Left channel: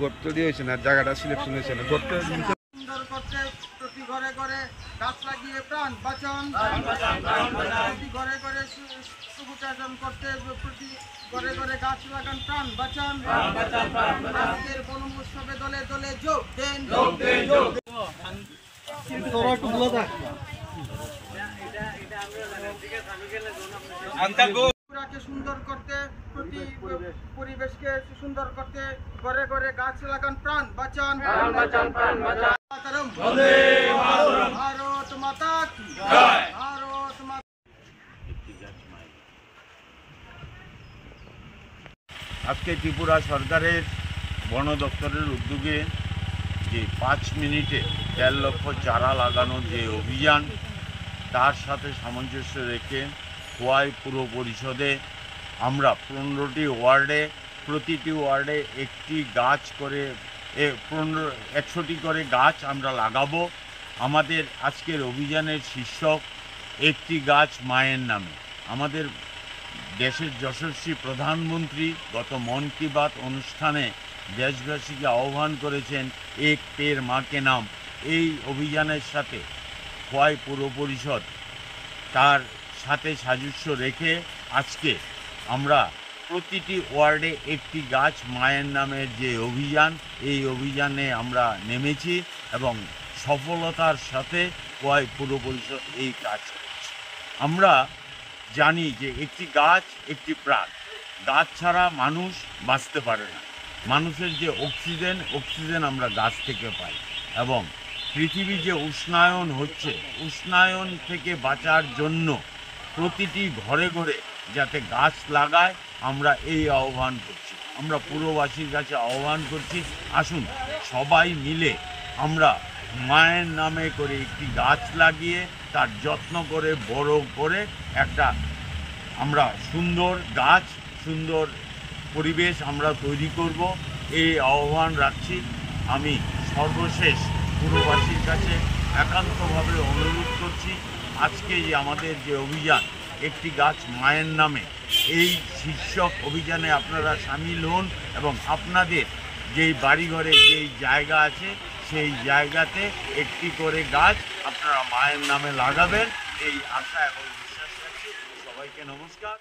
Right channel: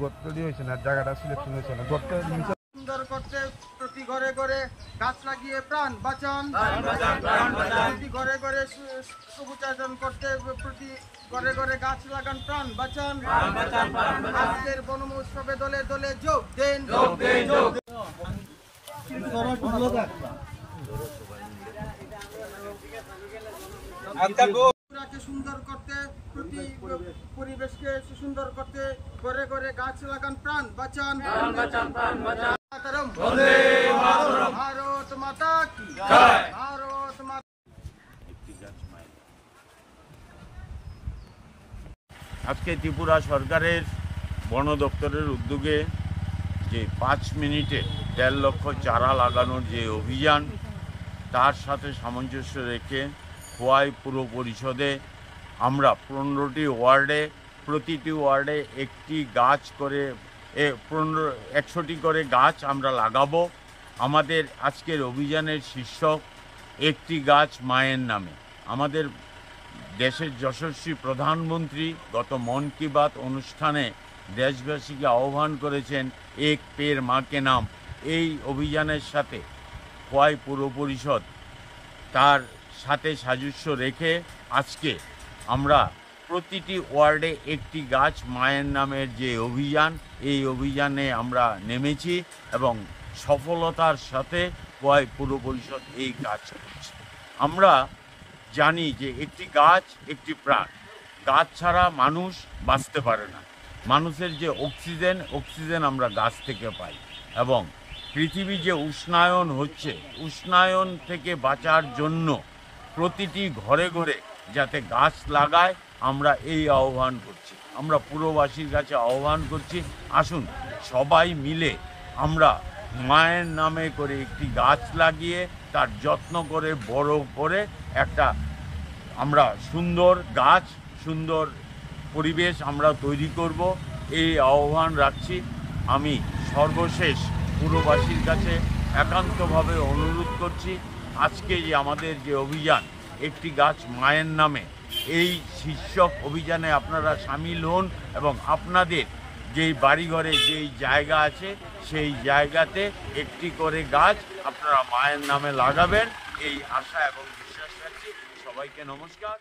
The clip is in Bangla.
গর্ত দিয়ে হয়েছে না, জায়গাটা সিলেকশন হয়েছে না। গর্ত সুন্দর করতে প্রতি ঘরে ঘরে গাছ লাগিয়ে প্রাণ বাঁচান, প্রতি ঘরে ঘরে সবুজায়ন করতে প্রতি ঘরে ঘরে গাছ লাগান, প্রাণ বাঁচান। আজকের বন মহোৎসবে দলে দলে যোগ দেন। সুন্দর করতে প্রতি পরিবেশকে সুন্দর করতে ঘরে ঘরে গাছ লাগান, প্রাণ বাঁচান। ভারত মাতা কি জয়। ভারত মাতা। আজকে ত্রিপুরা সরকারের বন দপ্তরের উদ্যোগে যে 5 মিনিটে 1.5 লক্ষ চারা লাগানোর যে অভিযান, তার সাথে সামঞ্জস্য রেখে খোয়াই পুর পরিষদে আমরা 15টি ওয়ার্ডে, প্রতিটি ওয়ার্ডে একটি গাছ করে 100টি করে গাছ আমরা লাগাবো। আমাদের আজকের অভিযানের শীর্ষক একটি গাছ মায়ের নামে। আমাদের দেশের যশস্বী প্রধানমন্ত্রী গত মন কি বাত অনুষ্ঠানে দেশবাসীকে আহ্বান করেছেন এক পের মাকে নাম। এই অভিযানের সাথে খোয়াই পুর পরিষদ তার সাথে সাযুজ্য রেখে আজকে আমরা প্রতিটি ওয়ার্ডে একটি গাছ মায়ের নামের যে অভিযান, এই অভিযানে আমরা নেমেছি এবং সফলতার সাথে খোয়াই পুর পরিষদ এই কাজ করছে। আমরা জানি যে একটি গাছ একটি প্রাণ, গাছ ছাড়া মানুষ বাঁচতে পারে না। মানুষের যে অক্সিজেন আমরা গাছ থেকে পাই, এবং পৃথিবী যে উষ্ণায়ন হচ্ছে, উষ্ণায়ন থেকে বাঁচার জন্য প্রতিটি ঘরে ঘরে যাতে গাছ লাগায়, আমরা এই আহ্বান করছি। আমরা পুরবাসীর কাছে আহ্বান করছি, আসুন সবাই মিলে আমরা মায়ের নামে করে একটি গাছ লাগিয়ে তার যত্ন করে বড় করে একটা আমরা সুন্দর গাছ, সুন্দর পরিবেশ আমরা তৈরি করব, এই আহ্বান রাখছি। আমি সর্বশেষ পুরবাসীর কাছে একান্তভাবে অনুরোধ করছি, আজকে যে আমাদের যে অভিযান একটি গাছ মায়ের নামে, এই শীর্ষক অভিযানে আপনারা সামিল হন এবং আপনাদের যেই বাড়িঘরে যেই জায়গা আছে সেই জায়গাতে একটি করে গাছ আপনারা মায়ের নামে লাগাবেন, এই আশা এবং বিশ্বাস রাখছি। সবাইকে নমস্কার।